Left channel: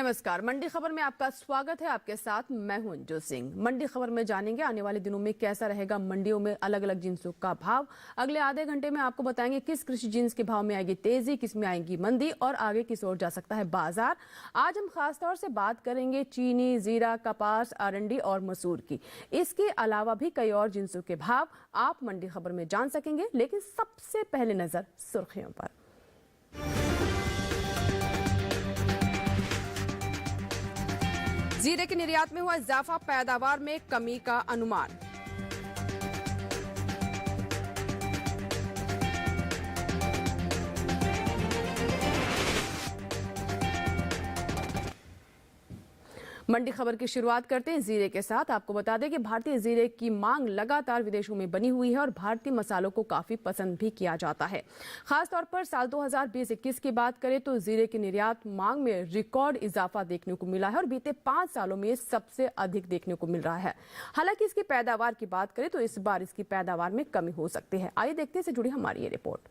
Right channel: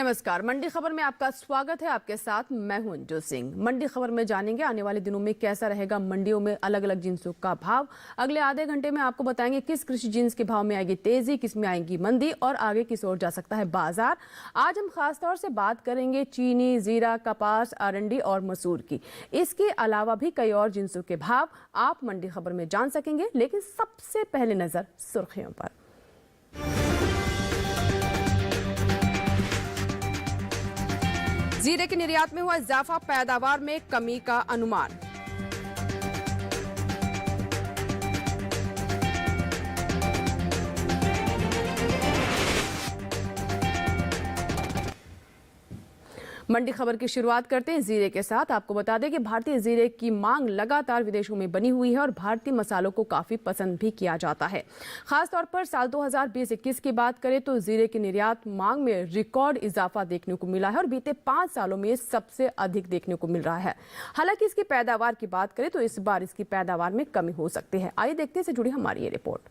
नमस्कार, मंडी खबर में आपका स्वागत है। आपके साथ मैं हूं अंजू सिंह। मंडी खबर में जानेंगे आने वाले दिनों में कैसा रहेगा मंडियों में अलग अलग जिन्सों का भाव। अगले आधे घंटे में आपको बताएंगे किस कृषि जिन्स के भाव में आएगी तेजी, किस में आएगी मंदी और आगे किस ओर जा सकता है बाजार। आज हम खासतौर से बात करेंगे चीनी, जीरा, कपास, अरंडी और मसूर की। इसके अलावा भी कई और जिन्सों के भाव आप मंडी खबर में जान सकेंगे, लेकिन सबसे पहले नजर सुर्खियों पर। जीरे के निर्यात में हुआ इजाफा, पैदावार में कमी का अनुमान। मंडी खबर की शुरुआत करते हैं जीरे के साथ। आपको बता दें कि भारतीय जीरे की मांग लगातार विदेशों में बनी हुई है और भारतीय मसालों को काफी पसंद भी किया जाता है। खासतौर पर साल 2020-21 की बात करें तो जीरे की निर्यात मांग में रिकॉर्ड इजाफा देखने को मिला है और बीते 5 सालों में सबसे अधिक देखने को मिल रहा है। हालांकि इसकी पैदावार की बात करें तो इस बार इसकी पैदावार में कमी हो सकती है। आइए देखते हैं इससे जुड़ी हमारी ये रिपोर्ट।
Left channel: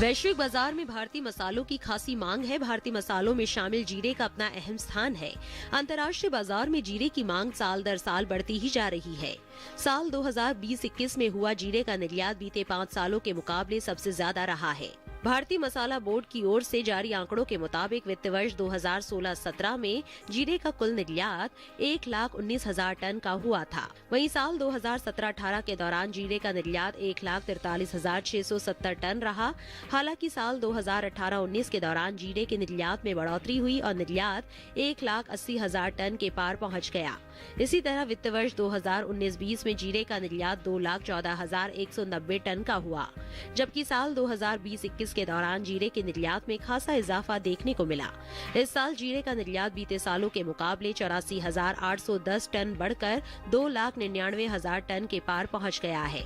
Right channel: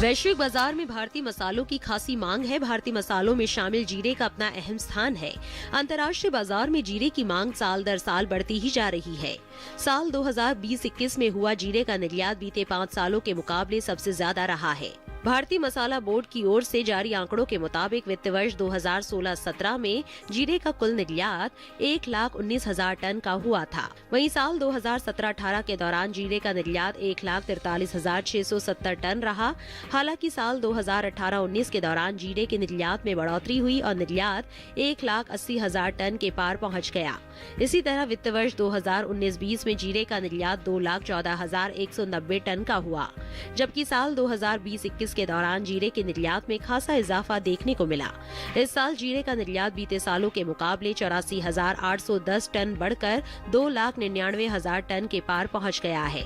वैश्विक बाजार में भारतीय मसालों की खासी मांग है। भारतीय मसालों में शामिल जीरे का अपना अहम स्थान है। अंतर्राष्ट्रीय बाजार में जीरे की मांग साल दर साल बढ़ती ही जा रही है। साल 2020-21 में हुआ जीरे का निर्यात बीते 5 सालों के मुकाबले सबसे ज्यादा रहा है। भारतीय मसाला बोर्ड की ओर से जारी आंकड़ों के मुताबिक वित्त वर्ष 2016-17 में जीरे का कुल निर्यात 1,19,000 टन का हुआ था। वहीं साल 2017-18 के दौरान जीरे का निर्यात 1,43,670 टन रहा। हालांकि साल 2018-19 के दौरान जीरे के निर्यात में बढ़ोतरी हुई और निर्यात 1,80,000 टन के पार पहुंच गया। इसी तरह वित्त वर्ष 2019-20 में जीरे का निर्यात 2,14,190 टन का हुआ, जबकि साल 2020-21 के दौरान जीरे के निर्यात में खासा इजाफा देखने को मिला। इस साल जीरे का निर्यात बीते सालों के मुकाबले 84,810 टन बढ़कर 2,99,000 टन के पार पहुंच गया है।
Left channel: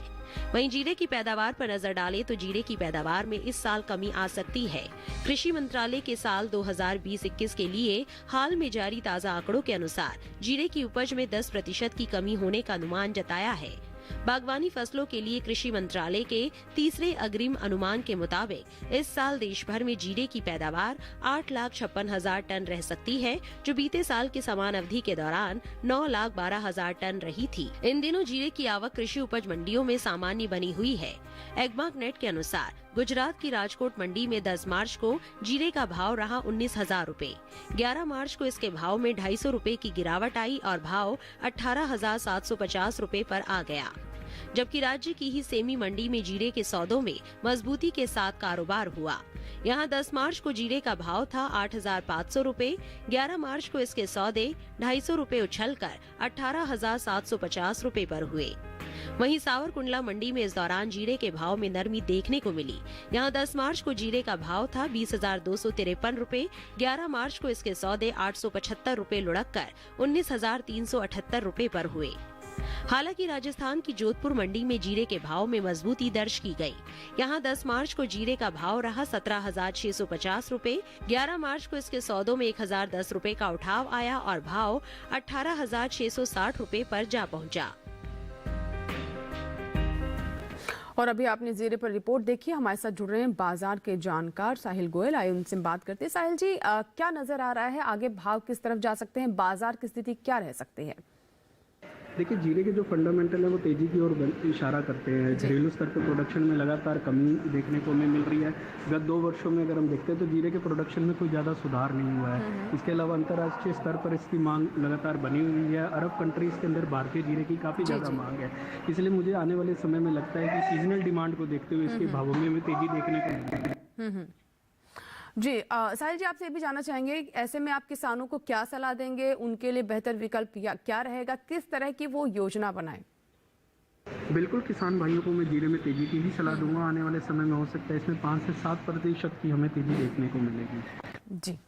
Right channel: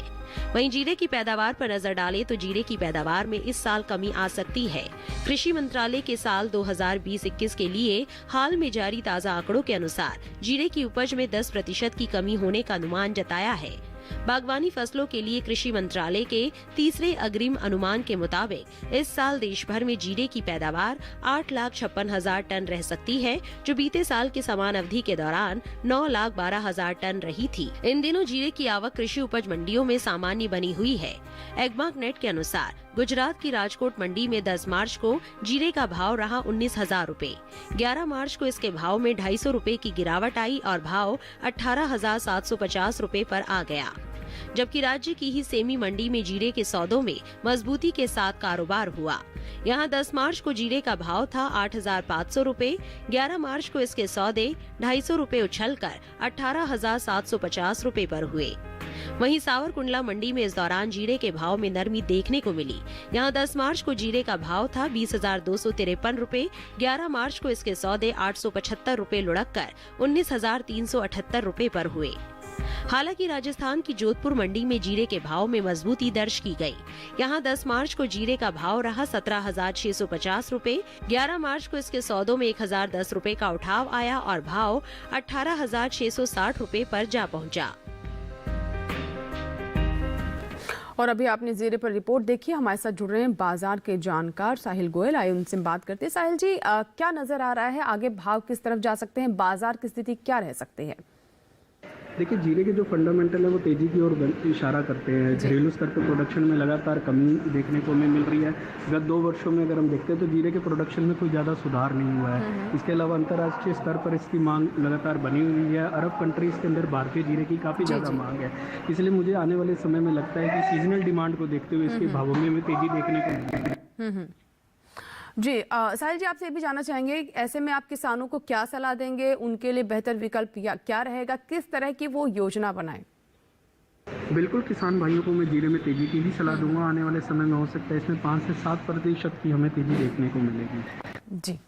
वहीं जीरे की पैदावार पर नजर डालें तो जीरे की पैदावार में इस साल कमी आ सकती है। कृषि मंत्रालय के साल 2020-21 के लिए हाल में जारी ताज़ा आंकड़ों के अनुसार जीरे की उपज में 10% की कमी होने का अनुमान जताया है। बागवानी फसलों के लिए कृषि मंत्रालय के तीसरे अग्रिम अनुमान के मुताबिक इस साल देश भर में जीरे की पैदावार 8,56,000 टन रह सकती है, जो बीते साल के समान अवधि के दौरान 9,12,000 टन रही थी। इन दिनों जीरे की आवक कृषि उपज मंडियों में सामान्य बनी हुई है। एग्मार्क नेट के अनुसार गुजरात की राजकोट मंडी में 10 मार्च को जीरे का भाव रहा 19,000 रूपए। 11 मार्च को इसके भाव में 250 रूपए की गिरावट आई और भाव 18,750 रूपए पर आ गया। जबकि राज्य की ही सेमी मंडी में जीरे के सौदों में मजबूती के साथ कारोबार हुआ। यहां 10 मार्च को जीरे का भाव था 8,500 रूपए। 11 मार्च को इसके सौदे 250 रूपए उछलकर 18,750 रूपए पर हुए। वहीं सावरकुंडला मंडी में इस दौरान जीरे के भाव में नरमी देखने को मिली। यहां 10 मार्च को जीरे का भाव था 20,253 रूपए। 11 मार्च को इसके सौदे 875 रूपए लुढ़क कर 19,378 रूपए पर हुए। हालांकि राजस्थान की जोधपुर मंडी में जीरे के भाव में मजबूती दर्ज की गई। यहां 10 मार्च को जीरे का भाव रहा 17,650 रूपए। 11 मार्च को इसके सौदों में 1,010 रूपए का उठाव आया और भाव 18,660 रूपए पर जा पहुंचा। और अभी आपने जीरे पर रिपोर्ट देखी। हमारे साथ जुड़ रहे हैं बाजार के जानकार साहिल गोयल। आइए उनसे बात करते हैं। साहिल जी, क्या नजर आ रहा है, आगे भाव किस तरफ जा सकते हैं, बाजार की स्थिति क्या रह सकती है? देखिए, जीरे के जो फंडामेंटल है वो तेजी की ओर इशारा करते हैं। घरेलू स्तर पर प्रोडक्शन में लगातार कमी देखने को हमें मिल रही है। गत 2 वर्षों में अगर हम देखते हैं तो जीरे के प्रोडक्शन में कोई ज़्यादा सुधार नहीं हुआ है। इसके अलावा अंतर्राष्ट्रीय स्तर पर इसकी मांग लगातार बनी हुई है। अरब कंट्रीज के अंदर भारतीय जीरे की काफ़ी ज़्यादा मांग है। इसलिए मुझे आने वाले समय में लगता है कि सीजनल डिमांड को देखते हुए इसके भावों में तेजी देखने को मिलेगी। जी, साहिल जी, आपसे ये भी जानना चाहेंगे, ऐसे में आप किसानों को क्या सलाह देंगे, उनके लिए बेहतर विकल्प क्या रहेगा, किस तरह की वो योजना बनाएं? बिल्कुल, किसान भाइयों को मैं जीरे में तेजी की ही सलाह दूंगा। आने वाले समय में हो सकता है इसमें 5 से 7% की हमें तेजी देखने को मिलेगी। जी,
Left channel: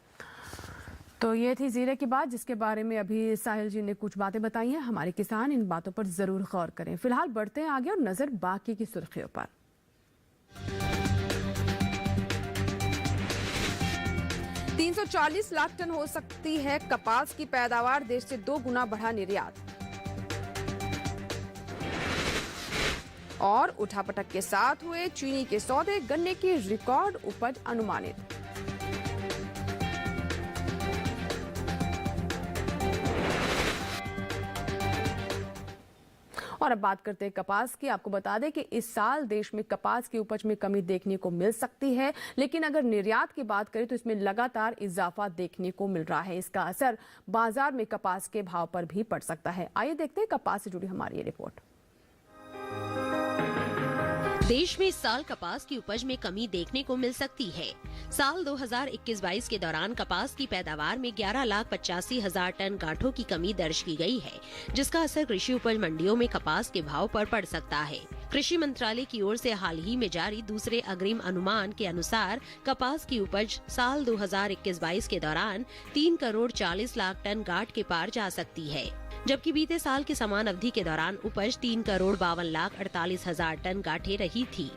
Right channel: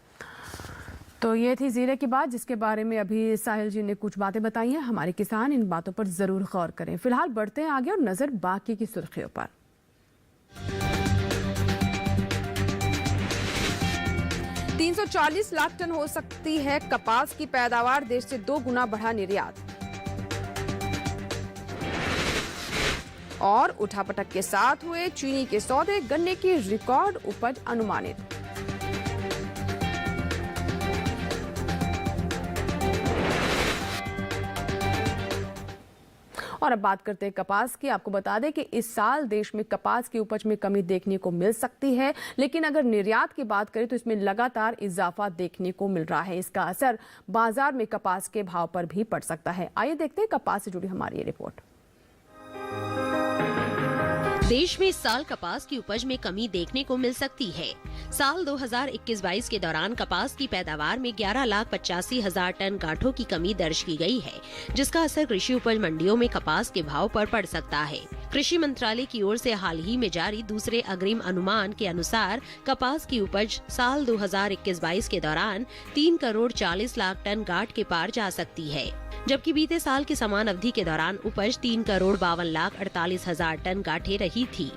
तो ये थी जीरे की बात, जिसके बारे में अभी साहिल जी ने कुछ बातें बताई हैं। हमारे किसान इन बातों पर जरूर गौर करें। फिलहाल बढ़ते हैं आगे और नजर बाकी की सुर्खियों पर। 340 लाख टन हो सकती है कपास की पैदावार, देश से 2 गुना बढ़ा निर्यात। और उठापटक के साथ हुए चीनी के सौदे, गन्ने की रिकॉर्ड उपज अनुमानित। और अब बात करते हैं कपास की। आपको बता दें कि इस साल देश में कपास की उपज में कमी देखने को मिल सकती है, लेकिन अगर निर्यात की बात करें तो इसमें लगातार इजाफा देखने को मिल रहा है। इसका असर बाजार में कपास के भाव पर भी पड़ सकता है। आइए देखते हैं कपास से जुड़ी हमारी ये रिपोर्ट। देश में इस साल कपास की उपज में कमी देखने को मिल सकती है। साल 2021-22 के दौरान कपास की पैदावार में 11,85,000 टन गांठों की कमी दर्ज की गई है, जिसका असर कृषि उपज मंडियों में कपास के भाव पर पड़ सकता है। कृषि मंत्रालय की ओर से हाल ही में जारी दूसरे अग्रिम अनुमान के अनुसार कपास की उपज साल 2021-22 के दौरान 3 करोड़ 40 लाख टन गांठ के पार जा सकती है, जबकि बीते साल की समान अवधि के दौरान उपज 3 करोड़ 52 लाख 48 हजार टन गांठें रही थी।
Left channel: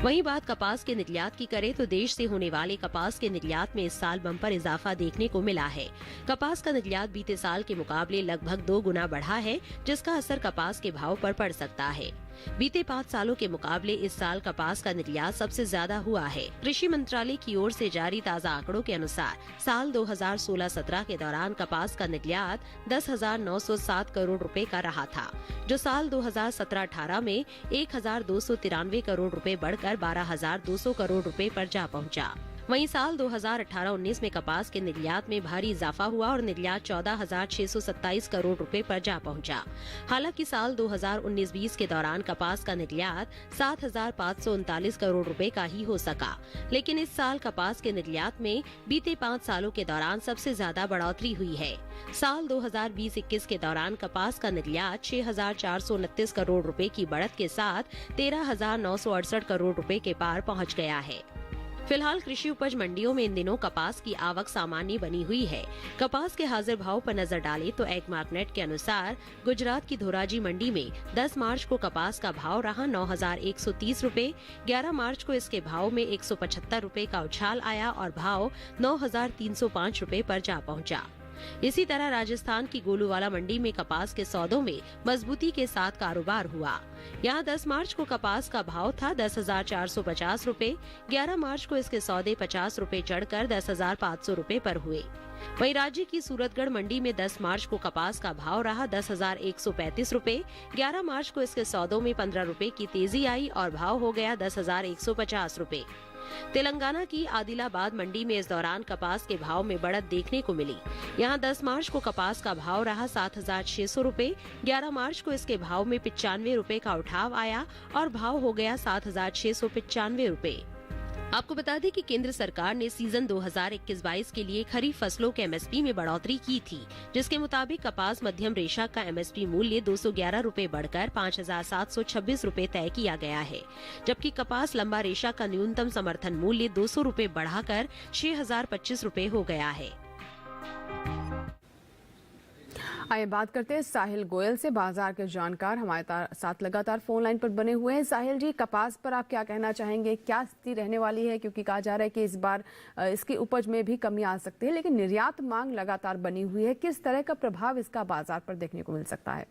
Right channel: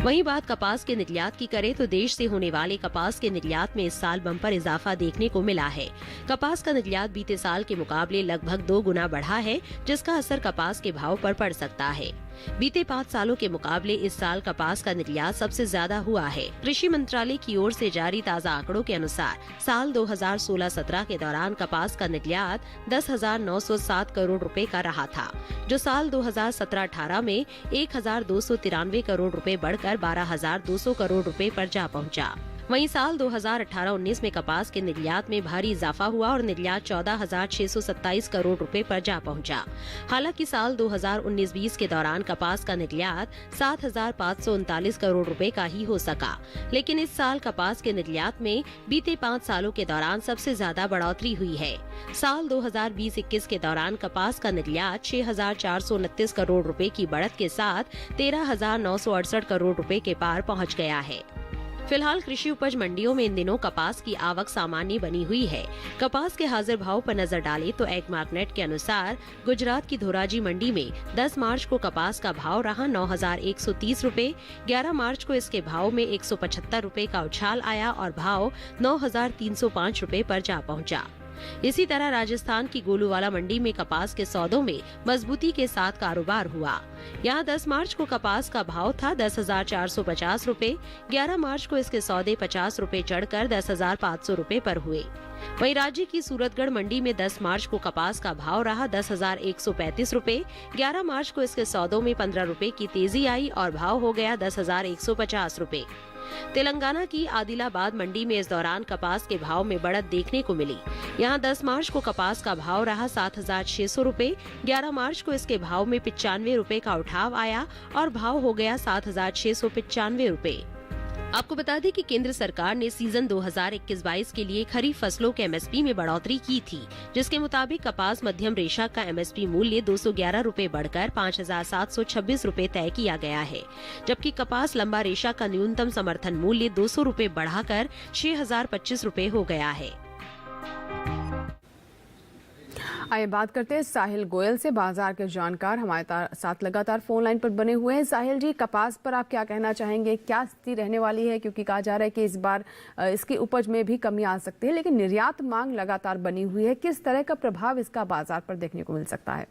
वहीं बात कपास के निर्यात की करें तो देश से होने वाले कपास के निर्यात में इस साल बम्पर इजाफा देखने को मिला है। कपास का निर्यात बीते साल के मुकाबले लगभग 2 गुना बढ़ा है, जिसका असर कपास के भाव पर पड़ सकता है। बीते 5 सालों के मुकाबले इस साल कपास का निर्यात सबसे ज्यादा हुआ है। कृषि मंत्रालय की ओर से जारी ताज़ा आंकड़ों के अनुसार साल 2016-17 के दौरान कपास का निर्यात 10,907 करोड़ रुपए का रहा था, जो साल 2017-18 में 1,293 करोड़ रुपए बढ़कर 12,200 करोड़ रुपए पर जा पहुंचा। वहीं साल 2018-19 में कपास के निर्यात में भारी इजाफा हुआ और निर्यात 14,627 करोड़ रुपए पर जा पहुंचा। हालांकि साल 2019-20 के दौरान कपास का निर्यात 7,539 करोड़ रुपए का ही हो सका, लेकिन इस साल कपास के निर्यात में बीते 5 सालों के दौरान सबसे ज्यादा बढ़ोतरी हुई है। साल 2020-21 के दौरान कपास का निर्यात 6,429 करोड़ रुपए की बढ़त के साथ 13,968 करोड़ रुपए के पार पहुंच गया है। फिलहाल कृषि उपज मंडियों में इन दिनों कपास की आवक सामान्य बनी हुई है। कपास के हाजिर भाव पर नजर डालें तो एग्मार्कनेट के अनुसार गुजरात की धोराजी मंडी में 10 मार्च को कपास का भाव रहा 9,130 रुपए। 11 मार्च को इसके भाव में 175 रुपए का उछाल आया और भाव 9,305 रुपए पर जा पहुंचा। इसी तरह राजस्थान की गोलूवाला मंडी में कपास के सौदों में मजबूती के साथ कारोबार हुआ। यहाँ 10 मार्च को कपास का भाव था 10,450 रुपए। 11 मार्च को इसके सौदे 50 रुपए चढ़कर 10,500 रुपए पर हुए। वहीं राज्य की सूरतगढ़ मंडी में 10 मार्च को कपास का भाव रहा 10,135 रुपए। 11 मार्च को इसके सौदों में 15 रुपए की तेजी आई और भाव हो गया 10,150 रुपए। तेलंगाना की आदिलाबाद मंडी में इस दौरान कपास के भाव में बढ़त देखने को मिली। यहाँ 10 मार्च को कपास का भाव रहा 7,600 रुपए। 11 मार्च को इसके भाव में 95 रुपए का उठाव आया और भाव हो गया 7,695 रुपए। आपको बता दें कि केंद्र सरकार ने सीजन 2021-22 के लिए खरीफ फसलों के एमएसपी में बढ़ोतरी की थी, जिसके मुताबिक कपास मध्यम रेशा का एमएसपी मूल्य 211 रुपए बढ़कर 5,726 रुपए तय किया गया है, जबकि कपास लंबा रेशा का न्यूनतम समर्थन मूल्य 200 रुपए बढ़ाकर 6,025 रुपए हो गया है। आइए बात करते हैं साहिल गोयल से, बाजार के जानकार हमारे साथ लगातार फोन लाइन पर बने हुए हैं। साहिल जी, कपास पर आप क्या कहना चाहेंगे, क्या स्थिति रहने वाली है? क्योंकि कहा जा रहा है कि इस बार इसकी उपज में भी कमी आ सकती है, लेकिन निर्यात मांग लगातार बनी हुई है। किस तरह का प्रभाव इसका बाजार पर देखने को मिल सकता है?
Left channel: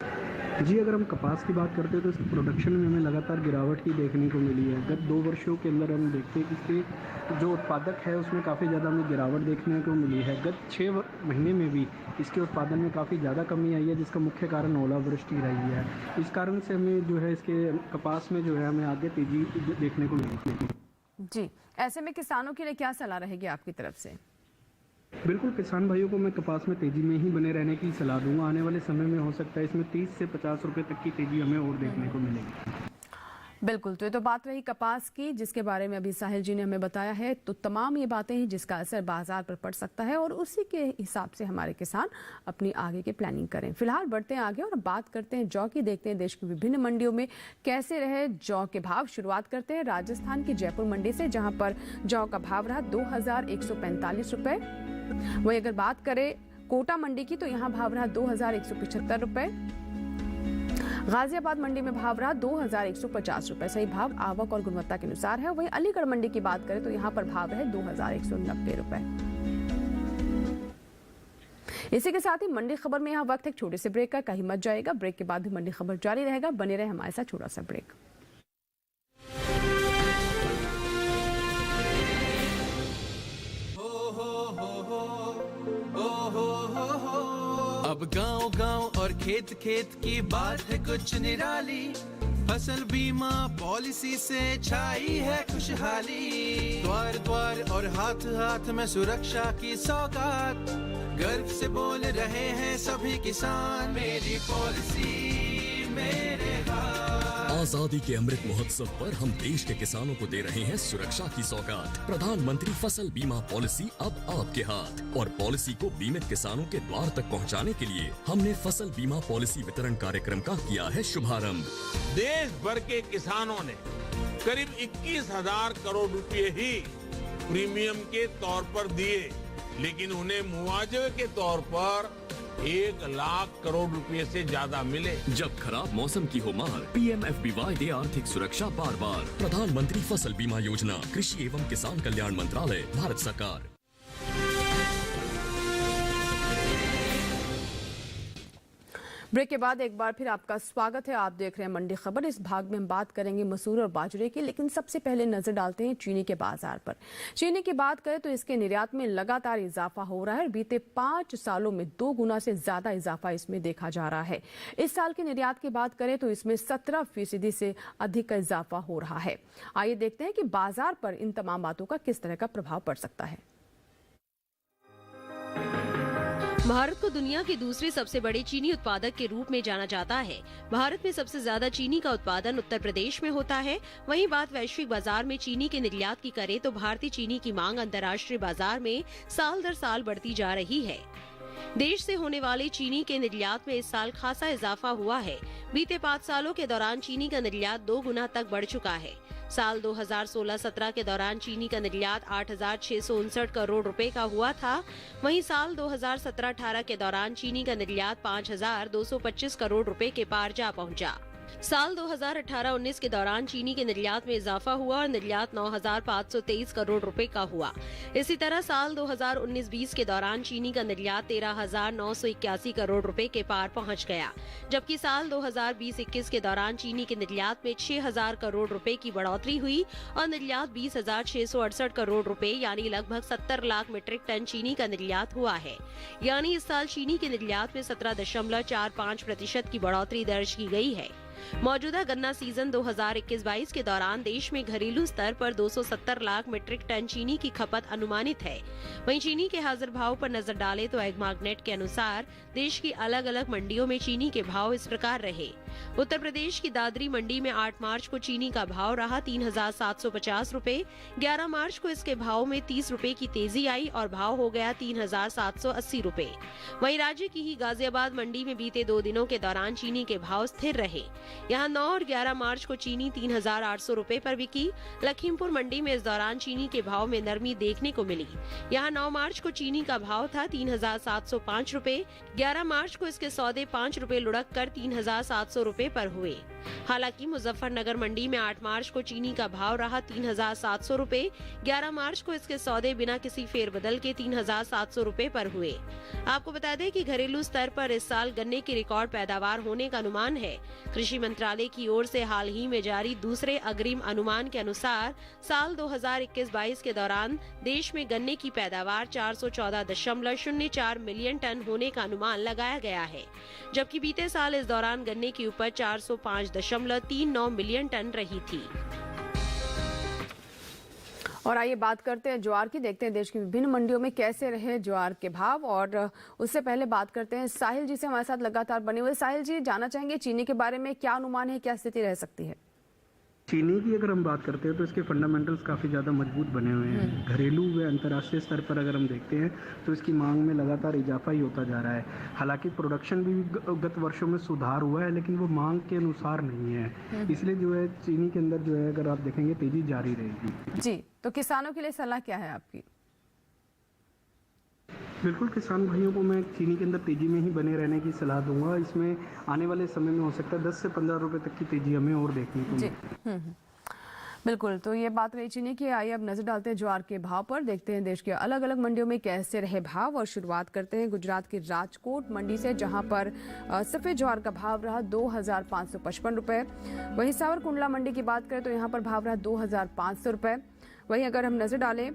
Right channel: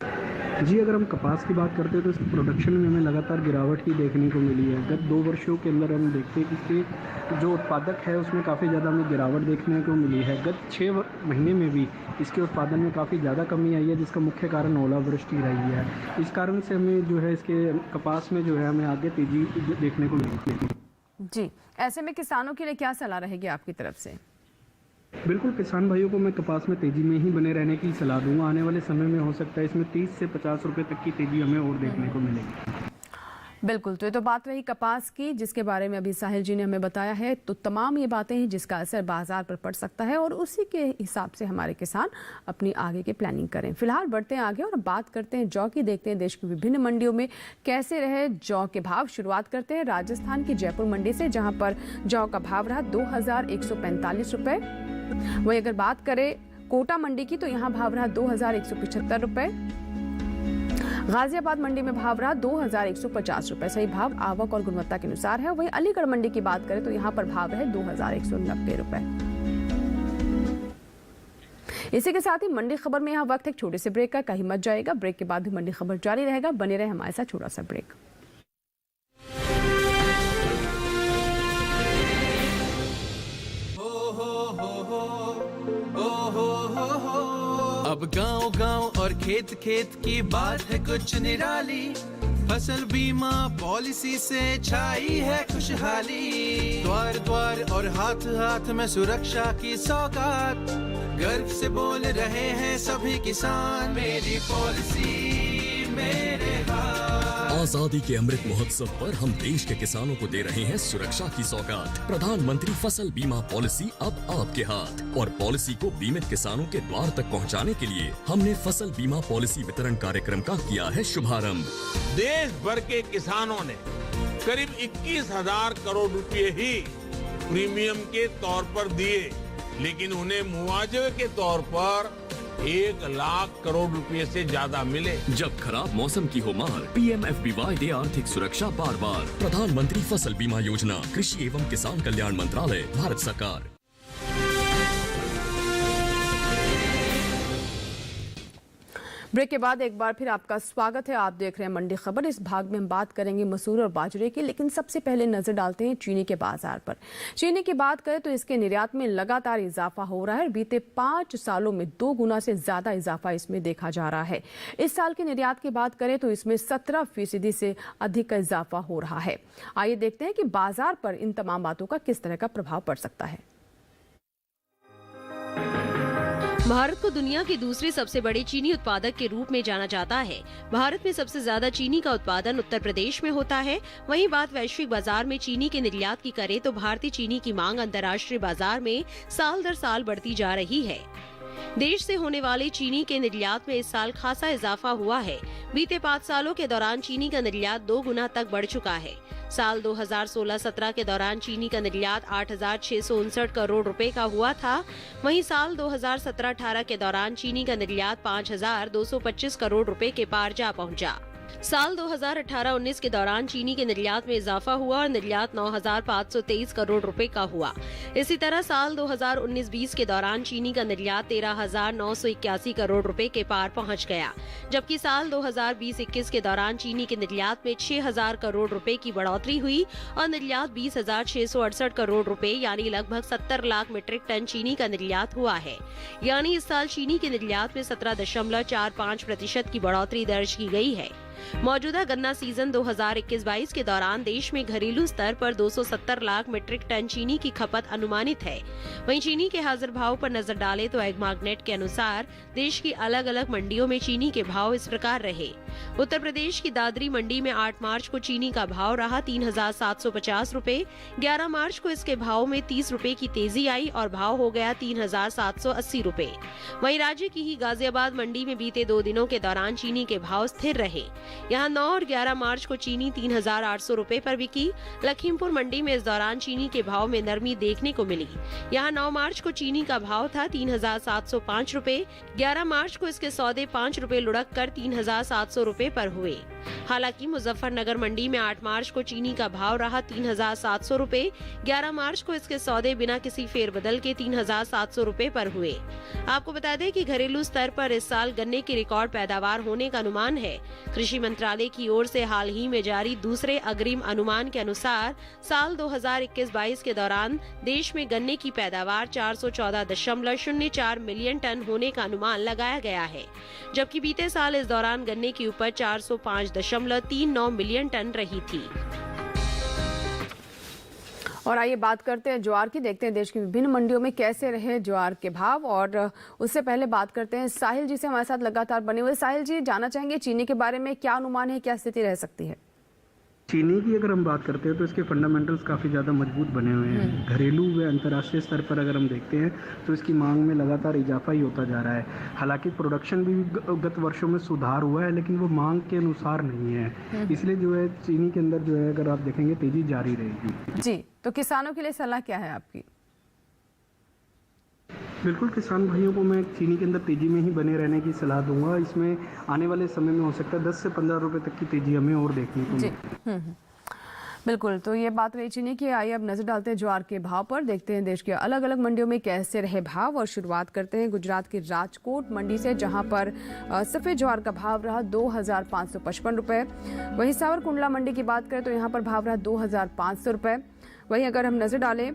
जी, अगर हम कपास की बात करते हैं तो इसकी प्रोडक्शन में हमें लगातार गिरावट ही देखने को मिली है। गत 2 वर्षों के अंदर हम देखते हैं कि इसके जो उत्पादक है उसमें काफ़ी ज़्यादा हमें गिरावट देखने को मिली है। गत 6 महीने में भी इसके उत्पादन में काफ़ी ज़्यादा कमी आई है, जिसका मुख्य कारण ओलावृष्टि रही है। इस कारण से हमें जो है इसके कपास में जो है हमें आगे तेजी देखने को मिलती है। जी, ऐसे में किसानों के लिए क्या सलाह रहेगी आपकी तरफ से? बिल्कुल, किसान भाइयों को मैं कपास में तेजी में ही बने रहने की सलाह दूंगा। आने वाले समय में हो सकता है इसमें 30 से 50 रुपए तक की तेजी हमें और देखने को मिलेगी। बिल्कुल, तो ये तो बात रही कपास की, जिसके बारे में अभी साहिल जी ने हमें बताया है। तो तमाम ये बातें हैं जिसका असर बाजार पर पड़ सकता है और उसी के हिसाब से हमारे किसान अपनी आगे की प्लानिंग करें। फिलहाल बढ़ते हैं आगे और बात करते हैं जौ की। देखते हैं देश की विभिन्न मंडियों में कैसे रहे जौ के भाव। शुरुआत करते हैं राजस्थान की जयपुर मंडी से, जहां पर जौ का भाव रहा 2,145 रुपए। वही अगर बात करें कोटा मंडी की तो यहाँ भाव रहा 2,175 रुपए। गाजियाबाद मंडी में भाव रहा 2,150 रुपए। सही भाव आवक और गुणवत्ता के अनुसार है। वहीं अलीगढ़ मंडी की बात करें तो यहाँ पर भाव है 2,190 रुपए। इसी के साथ ही मंडी खबर में यहाँ वक्त एक छोटे से ब्रेक का, कहीं मत जाएगा। ब्रेक के बाद भी मंडी खबर जारी रहेगा, बने रहे हमारे साथ। छोटा सा ब्रेक। अब गांव-गांव और खेत खेत की बात है कुछ निराली, फसल बीमा पॉलिसी से छाई है खुशहाली। द्वार द्वार और हाथ हाथ में सुरक्षा की सौगात, गर्व से बोल रहे हैं सभी किसान, मेरी पॉलिसी मेरे हाथ। आजादी के अमृत महोत्सव पर हम देश के किसानों को दे रहे हैं सुरक्षा की सौगात। प्रधानमंत्री फसल बीमा पॉलिसी अब आपके हाथ, और पॉलिसी को बीमित किसानों के द्वार तक पहुंचाने के लिए हमने फसल बीमा पॉलिसी वितरण कार्यक्रम का किया है शुभारंभ। देश भर के किसानों ने करीब 21,000 करोड़ रुपए ही प्रीमियम के तौर पर दिए, लेकिन उन्हें मुआवजे के तौर पर 1 लाख करोड़ रुपए से ज्यादा मिले। जब खराब मौसम की हो मार, PMFBY दे आर्थिक सुरक्षा बार बार। प्रधानमंत्री फसल बीमा योजना, कृषि एवं किसान कल्याण मंत्रालय, भारत सरकार। ब्रेक के बाद एक बार फिर आपका स्वागत है। आप देख रहे हैं मंडी खबर। इस भाग में हम बात करेंगे मसूर और बाजरे की, लेकिन सबसे पहले नजर डालते हैं चीनी के बाजार पर। चीनी की बात करें तो इसके निर्यात में लगातार इजाफा हो रहा है। बीते 5 सालों में 2 गुना से ज्यादा इजाफा इसमें देखा जा रहा है। इस साल की निर्यात की बात करें तो इसमें 17% से अधिक का इजाफा हो रहा है। आइए देखते हैं कि बाजार पर इन तमाम बातों का किस तरह का प्रभाव पड़ सकता है। भारत को दुनिया के दूसरे सबसे बड़े चीनी उत्पादक के रूप में जाना जाता है। भारत में सबसे ज्यादा चीनी का उत्पादन उत्तर प्रदेश में होता है। वहीं बात वैश्विक बाजार में चीनी के निर्यात की करें तो भारतीय चीनी की मांग अंतर्राष्ट्रीय बाजार में साल दर साल बढ़ती जा रही है। देश से होने वाले चीनी के निर्यात में इस साल खासा इजाफा हुआ है। बीते 5 सालों के दौरान चीनी का निर्यात 2 गुना तक बढ़ चुका है। साल 2016-17 के दौरान चीनी का निर्यात 8,659 करोड़ रुपए का हुआ था। वहीं साल 2017-18 के दौरान चीनी का निर्यात 5,225 करोड़ रुपए के पार जा पहुंचा। साल 2018-19 के दौरान चीनी के निर्यात में इजाफा हुआ और निर्यात 9,523 करोड़ रुपए का हुआ। इसी तरह साल 2019-20 के दौरान चीनी का निर्यात 13,981 करोड़ रुपए के पार पहुंच गया, जबकि साल 2020-21 के दौरान चीनी के निर्यात में 6,000 करोड़ रुपए की बढ़ोतरी हुई और निर्यात 20,668 करोड़ रुपए यानी लगभग 70 लाख मीट्रिक टन चीनी का निर्यात हुआ है। यानी इस साल चीनी के निर्यात में 17.45% की बढ़ोतरी दर्ज की गई है। मौजूदा गन्ना सीजन 2021-22 के दौरान देश में घरेलू स्तर पर 270 लाख मीट्रिक टन चीनी की खपत अनुमानित है। वहीं चीनी के हाजिर भाव पर नजर डालें तो एगमार्कनेट के अनुसार देश की अलग अलग मंडियों में चीनी के भाव इस प्रकार रहे। उत्तर प्रदेश की दादरी मंडी में 8 मार्च को चीनी का भाव रहा 3,750 रूपए। 11 मार्च को इसके भाव में 30 रूपए की तेजी आई और भाव हो गया 3,780 रूपए। वहीं राज्य की ही गाजियाबाद मंडी में बीते 2 दिनों के दौरान चीनी के भाव स्थिर रहे। यहाँ 9 और 11 मार्च को चीनी 3,800 रूपए पर बिकी। लखीमपुर मंडी में इस दौरान चीनी के भाव में नरमी देखने को मिली। यहाँ 9 मार्च को चीनी का भाव था 3,705 रूपए। 11 मार्च को इसके सौदे 5 रूपए लुढ़क कर 3,700 रूपए पर हुए। हालांकि मुजफ्फरनगर मंडी में 8 मार्च को चीनी का भाव रहा 3,700 रूपए। 11 मार्च को इसके सौदे बिना किसी फेरबदल के 3,700 रूपए पर हुए। आपको बता दें कि घरेलू स्तर पर इस साल गन्ने की रिकॉर्ड पैदावार होने का अनुमान है। कृषि मंत्रालय की ओर से हाल ही में जारी दूसरे अग्रिम अनुमान के अनुसार साल 2021-22 के दौरान देश में गन्ने की पैदावार 414.04 मिलियन टन होने का अनुमान लगाया गया है, जबकि बीते साल इस दौरान गन्ने की उपज 405.39 मिलियन टन रही थी। और आइए बात करते हैं ज्वार की। देखते हैं देश की विभिन्न मंडियों में कैसे रहे ज्वार के भाव, और उससे पहले बात करते हैं साहिल जी से हमारे साथ लगातार बने हुए। साहिल जी, जानना चाहेंगे चीनी के बारे में क्या अनुमान है, क्या स्थिति रह सकती है? चीनी की अगर हम बात करते हैं तो इसके फंडामेंटल्स काफ़ी ज़्यादा मजबूत बने हुए हैं। घरेलू व अंतर्राष्ट्रीय स्तर पर अगर हम देखते हैं तो इसकी मांग में लगातार इजाफा ही होता जा रहा है। हालांकि प्रोडक्शन भी गत वर्षों में सुधार हुआ है, लेकिन वो मांग के अनुसार नहीं है। इसलिए जो है चीनी के अंदर जो है अगर आप देखेंगे तेजी जारी रहेगी। जी, तो किसानों के लिए सलाह क्या है आपकी? बिल्कुल, किसान भाइयों को मैं चीनी के अंदर तेजी में ही बने रहने की सलाह दूंगा। इसमें आने वाले समय में हो सकता है 10 से 15 रुपए तक की तेजी हमें और देखने को मिले। बिल्कुल, तो ये बात रही चीनी की। आइए अब नजर डालते हैं ज्वार के भाव पर। देखते हैं देश के अलग अलग मंडियों में कैसे रहे भाव, और शुरुआत करते हैं गुजरात की राजकोट मंडी से, जहां पर सफेद ज्वार का भाव रहा 2,555 रुपए। वहीं सावरकुंडला मंडी की बात करें तो यहाँ पर भाव रहा 2,500 रुपए। वहीं अगर हम नजर डालें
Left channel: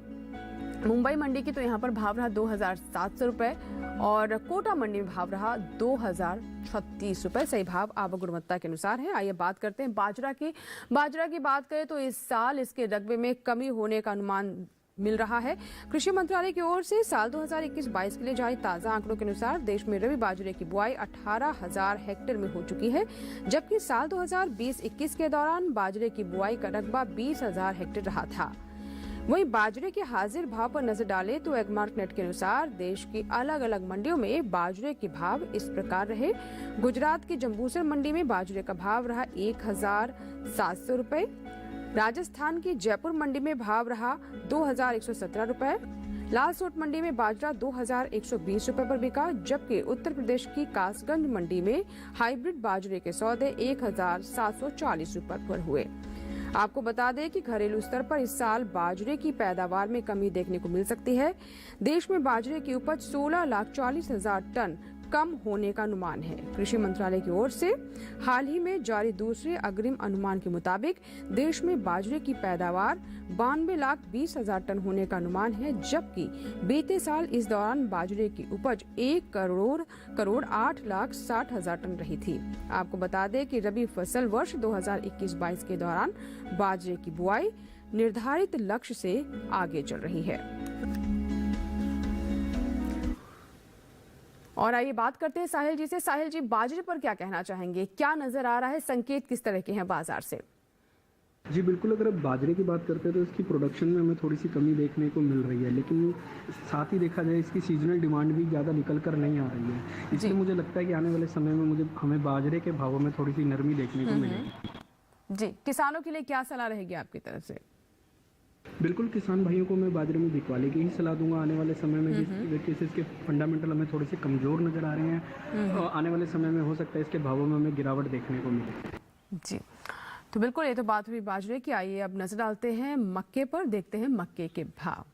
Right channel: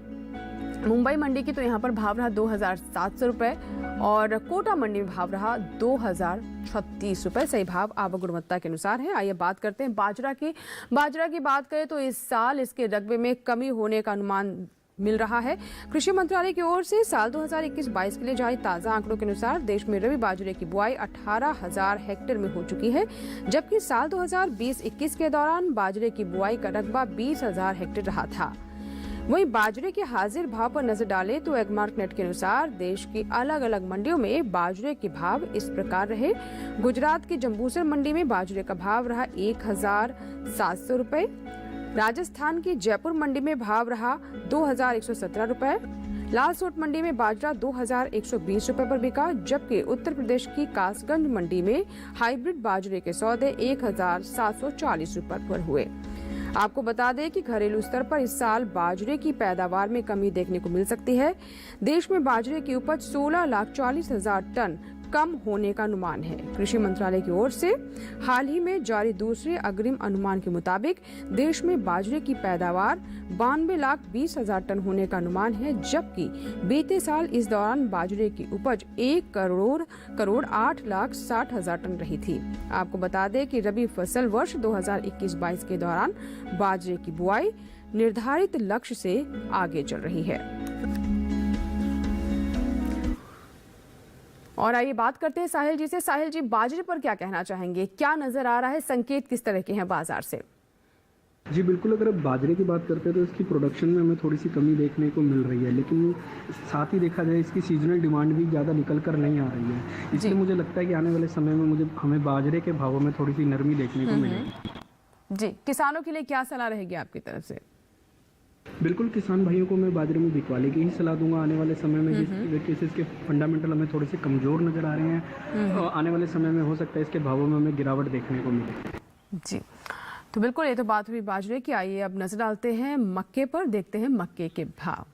मुंबई मंडी की तो यहाँ पर भाव रहा 2,700 रुपए और कोटा मंडी में भाव रहा 2,036 रुपए। सही भाव आवक गुणवत्ता के अनुसार है। आइए बात करते हैं बाजरा की। बाजरा की बात करें तो इस साल इसके रकबे में कमी होने का अनुमान मिल रहा है। कृषि मंत्रालय की ओर से साल 2021-22 के लिए जारी ताजा आंकड़ों के अनुसार देश में रबी बाजरे की बुआई 18,000 हेक्टेयर में हो चुकी है, जबकि साल 2020-21 के दौरान बाजरे की बुआई का रकबा 20,000 हेक्टेयर रहा था। वहीं बाजरे के हाजिर भाव पर नजर डालें तो एगमार्क नेट के अनुसार देश की अलग अलग मंडियों में बाजरे के भाव इस प्रकार रहे। गुजरात की जंबूसर मंडी में बाजरे का भाव रहा 1,700 रुपए। राजस्थान की जयपुर मंडी में भाव रहा 2,117 रुपए। लालसोट मंडी में बाजरा 2,120 रुपए पर बिका, जबकि उत्तर प्रदेश की कासगंज मंडी में हाइब्रिड बाजरे के सौदे 1,740 रुपए पर हुए। आपको बता दें कि घरेलू स्तर पर इस साल बाजरे की पैदावार में कमी देखने को मिल सकती है। देश में बाजरे की उपज 16,40,000 टन कम होने का अनुमान है। कृषि मंत्रालय की ओर से हाल ही में जारी दूसरे अग्रिम अनुमान के मुताबिक देश में बाजरे की पैदावार 92,20,000 टन होने का अनुमान है, जबकि बीते साल इस दौरान बाजरे की उपज 1,08,60,000 टन रही थी। आपको बता दें कि रबी फसल वर्ष 2021-22 के दौरान बाजरे की बुआई निर्धारित लक्ष्य से आगे चल रही है। और आइए बात करते हैं साहिल जी से। साहिल जी, बाजरे पर क्या कहना चाहेंगे? क्या नजर आ रहा है? संकेत किस तरह के हैं बाजार से? जी बिल्कुल, अगर आप बाजरे की बात करते हैं तो इसकी प्रोडक्शन में हमें थोड़ी सी कमी देखने को मिल रही है, लेकिन साथ ही देखा जाए इसकी सीजनल डिमांड भी ज़्यादा निकल कर नहीं आ रही है। इसलिए मुझे लगता है कि आने वाले समय में हमें बाजरे के भावों में थोड़ी सी नरमी देखने को मिलेगी। जी, किसानों के लिए क्या सलाह रहेगी आपकी तरफ से? बिल्कुल, किसान भाइयों को मैं बाजरे में बिकवाली की ही सलाह दूंगा। आने वाले समय में जिस तरीके से इसके फंडामेंटल हमें थोड़े से कमजोर नजर आ रहे हैं, और आने वाले समय में हो सकता है इसके भावों में हमें गिरावट देखने को मिले। जी, तो बिल्कुल, ये तो बात हुई बाजरे की। आइए अब नजर डालते हैं मक्के पर, देखते हैं मक्के के भाव।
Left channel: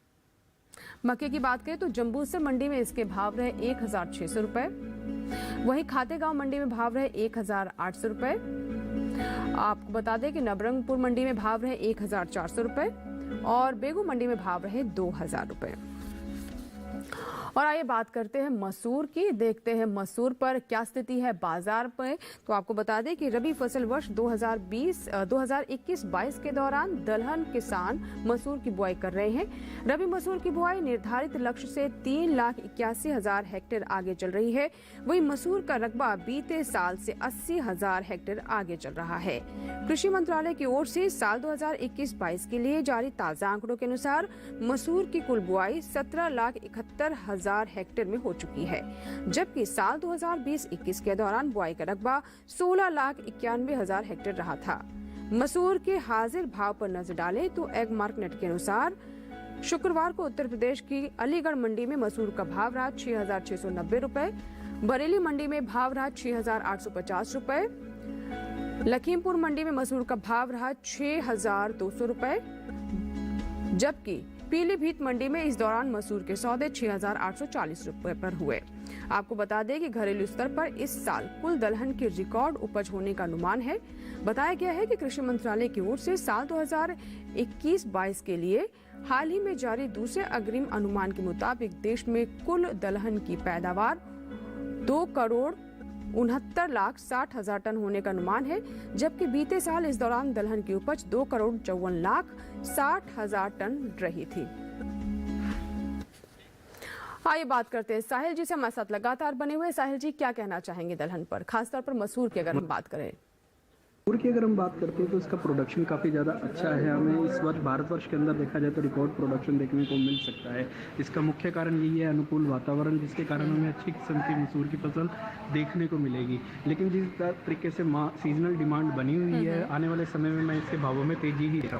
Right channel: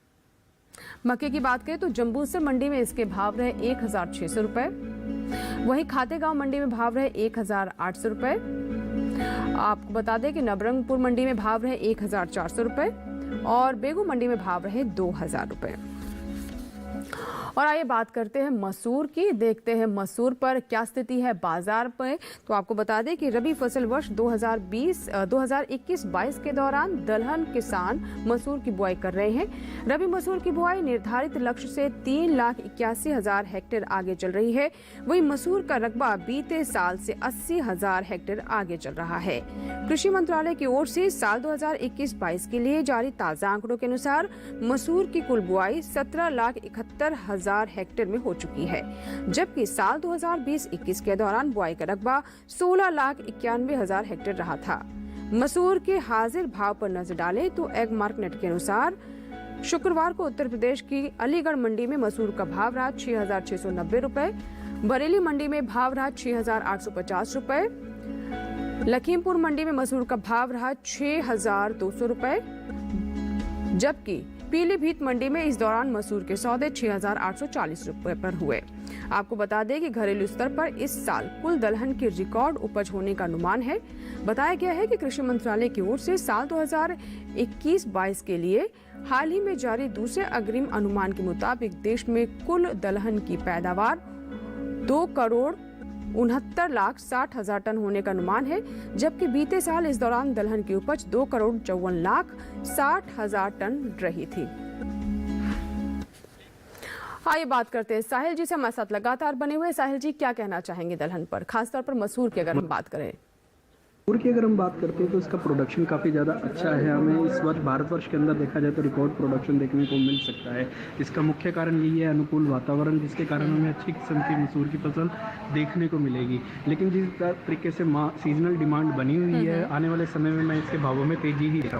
मक्के की बात करें तो जंबूसर मंडी में इसके भाव रहे 1,600 रुपए। वहीं खातेगांव मंडी में भाव रहे 1,800 रुपए। आपको बता दें कि नवरंगपुर मंडी में भाव रहे 1,400 रुपए और बेगू मंडी में भाव रहे 2,000 रुपए। और आइए बात करते हैं मसूर की, देखते हैं मसूर पर क्या स्थिति है बाजार पर। तो आपको बता दें कि रबी फसल वर्ष 2021-22 के दौरान दलहन किसान मसूर की बुआई कर रहे हैं। रबी मसूर की बुआई निर्धारित लक्ष्य से 3,81,000 हेक्टेयर आगे चल रही है। वहीं मसूर का रकबा बीते साल से 80,000 हेक्टेयर आगे चल रहा है। कृषि मंत्रालय की ओर से साल 2021-22 के लिए जारी ताजा आंकड़ों के अनुसार मसूर की कुल बुआई 17,71,000 हेक्टेयर में हो चुकी है, जबकि साल 2020-21 के दौरान बुआई का रकबा 16,91,000 हेक्टेयर रहा था। मसूर के हाजिर भाव पर नजर डालें तो एगमार्क नेट के अनुसार शुक्रवार को उत्तर प्रदेश की अलीगढ़ मंडी में मसूर का भाव रहा 6,690 रुपए। बरेली मंडी में भाव रहा 6,850 रुपए। लखीमपुर मंडी में मसूर का भाव रहा 6,200 रुपए, जबकि पीलीभीत मंडी में इस दौरान मसूर के सौदे 6,840 रुपए पर हुए। आपको बता दें कि घरेलू स्तर पर इस साल कुल दलहन के रिकॉर्ड उपज होने का अनुमान है। बताया गया है कि कृषि मंत्रालय की ओर से साल 2021-22 के लिए हाल ही में जारी दूसरे अग्रिम अनुमान के मुताबिक देश में कुल दलहन की पैदावार 2,69,60,000 टन होने का अनुमान है, जबकि बीते साल इस दौरान दलहन की उपज 2,54,60,000 टन रही थी। आइए बात करते हैं साहिल जी से, हमारे साथ लगातार बने हुए। साहिल जी, क्या कहना चाहेंगे दलहन पर, खासतौर पर मसूर की अगर हम बात करें? मसूर की अगर हम बात करते हैं तो इसका प्रोडक्शन काफ़ी ज़्यादा अच्छा है। हमें इस वर्ष भारतवर्ष के अंदर देखा जाए तो रिकॉर्ड प्रोडक्शन देखने को मिल सकता है। इसका मुख्य कारण यही है अनुकूल वातावरण, जिसके कारण हमें अच्छी किस्म की मसूर की फसल देखने को मिलेगी। लेकिन जिस तरीके से सीजनल डिमांड बनी हुई है, आने वाले समय में मैं इसके भावों में तेजी ही देखा।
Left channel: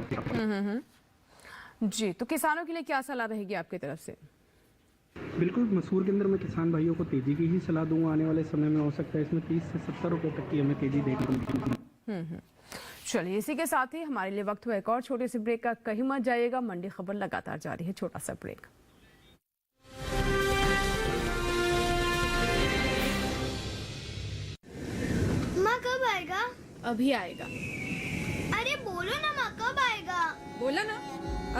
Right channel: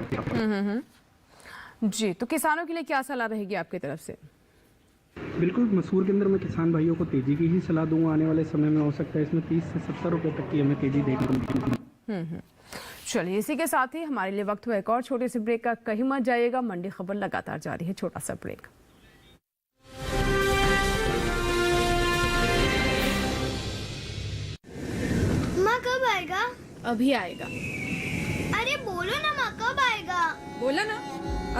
जी, तो किसानों के लिए क्या सलाह रहेगी आपकी तरफ से? बिल्कुल, मसूर के अंदर मैं किसान भाइयों को तेजी की ही सलाह दूंगा। आने वाले समय में हो सकता है इसमें 30 से 70 रुपए तक की हमें तेजी देखने को मिलेगी। चलिए, इसी के साथ ही हमारे लिए वक्त हुआ एक और छोटे से ब्रेक का। कहीं मत जाइएगा, मंडी खबर लगातार जारी है। छोटा सा ब्रेक। माँ कब आएगा? अभी आएगा। अरे बोलो ना माँ, कब आएगा? बोला ना,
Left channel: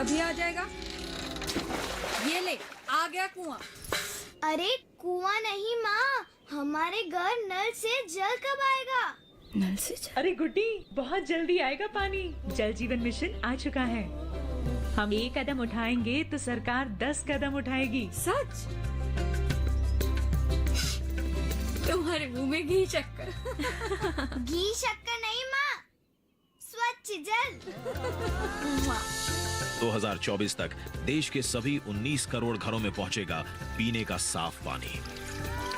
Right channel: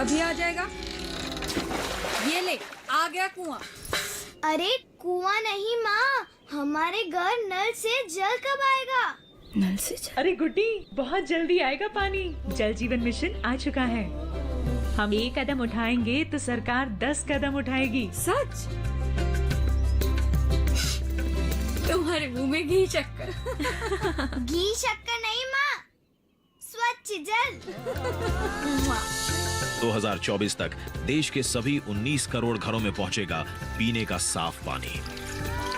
अभी आ जाएगा। ये ले, आ गया कुआं। अरे कुआं नहीं माँ, हमारे घर नल से जल कब आएगा? नल से अरे गुड्डी, बहुत जल्दी आएगा पानी। जल जीवन मिशन आ चुका है। हम 1 कदम उठाएंगे तो सरकार 10 कदम उठाएगी। सच? तुम्हारे मुंह में घी शक्कर। घी शक्कर नहीं माँ, स्वच्छ जल। 2024 तक देश के सभी 19 करोड़ घरों में पहुंचेगा पीने का साफ पानी।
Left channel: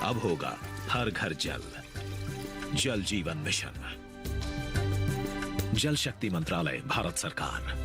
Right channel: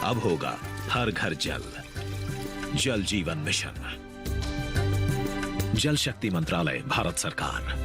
अब होगा हर घर जल। जल जीवन मिशन, जल शक्ति मंत्रालय, भारत सरकार।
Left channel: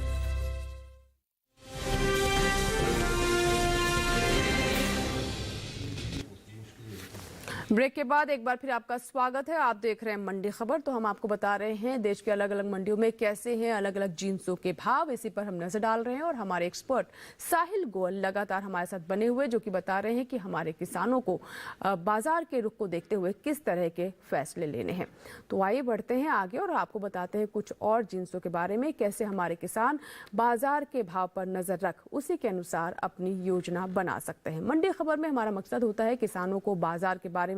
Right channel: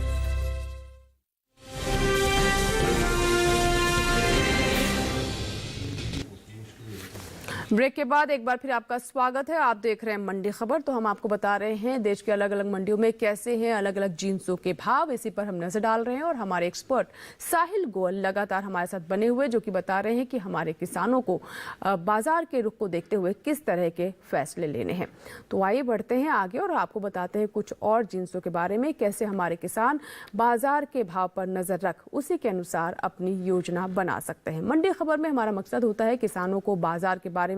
ब्रेक के बाद एक बार फिर आपका स्वागत है। आप देख रहे हैं मंडी खबर। तो हम आपको बता रहे हैं देश के अलग अलग मंडियों में कैसे हैं अलग अलग जिन्सों के भाव, इसी पर हम नजर डाल रहे हैं। और हमारे एक्सपर्ट साहिल गोयल लगातार हमारे साथ बने हुए, जो कि बता रहे हैं कि हमारे किसानों को बाजार के रुख को देखते हुए किस तरह के फैसले लेने हैं। तो आइए बढ़ते हैं आगे और आपको बताते हैं कुछ और जिन्सों के बारे में, कैसे हमारे किसान बाजार के भाव पर नजर रख उसी के अनुसार अपनी योजना बना सकते हैं। मंडी खबर में हमारा मकसद होता है किसानों को बाजार के बारे में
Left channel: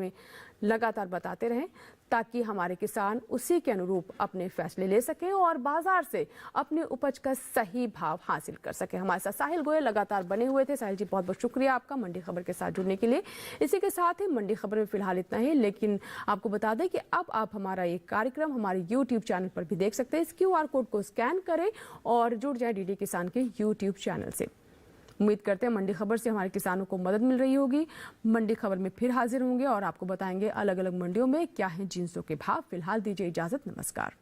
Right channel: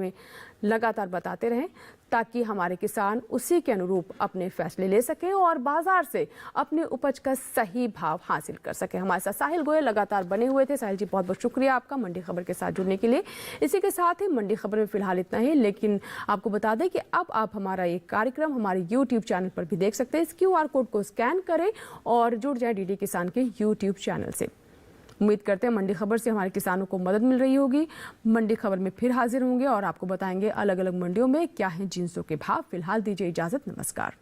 लगातार बताते रहें, ताकि हमारे किसान उसी के अनुरूप अपने फैसले ले सके और बाजार से अपनी उपज का सही भाव हासिल कर सके। हमारे साथ साहिल गोयल लगातार बने हुए थे। साहिल जी, बहुत बहुत शुक्रिया आपका मंडी खबर के साथ जुड़ने के लिए। इसी के साथ ही मंडी खबर में फिलहाल इतना ही, लेकिन आपको बता दें कि अब आप हमारा एक कार्यक्रम हमारे YouTube चैनल पर भी देख सकते हैं। इस QR कोड को स्कैन करें और जुड़ जाए डीडी किसान के YouTube चैनल से। उम्मीद करते हैं मंडी खबर से हमारे किसानों को मदद मिल रही होगी। मंडी खबर में फिर हाजिर होंगे और आपको बताएंगे अलग अलग मंडियों में क्या है जिन्सों के भाव। फिलहाल दीजिए इजाजत, नमस्कार।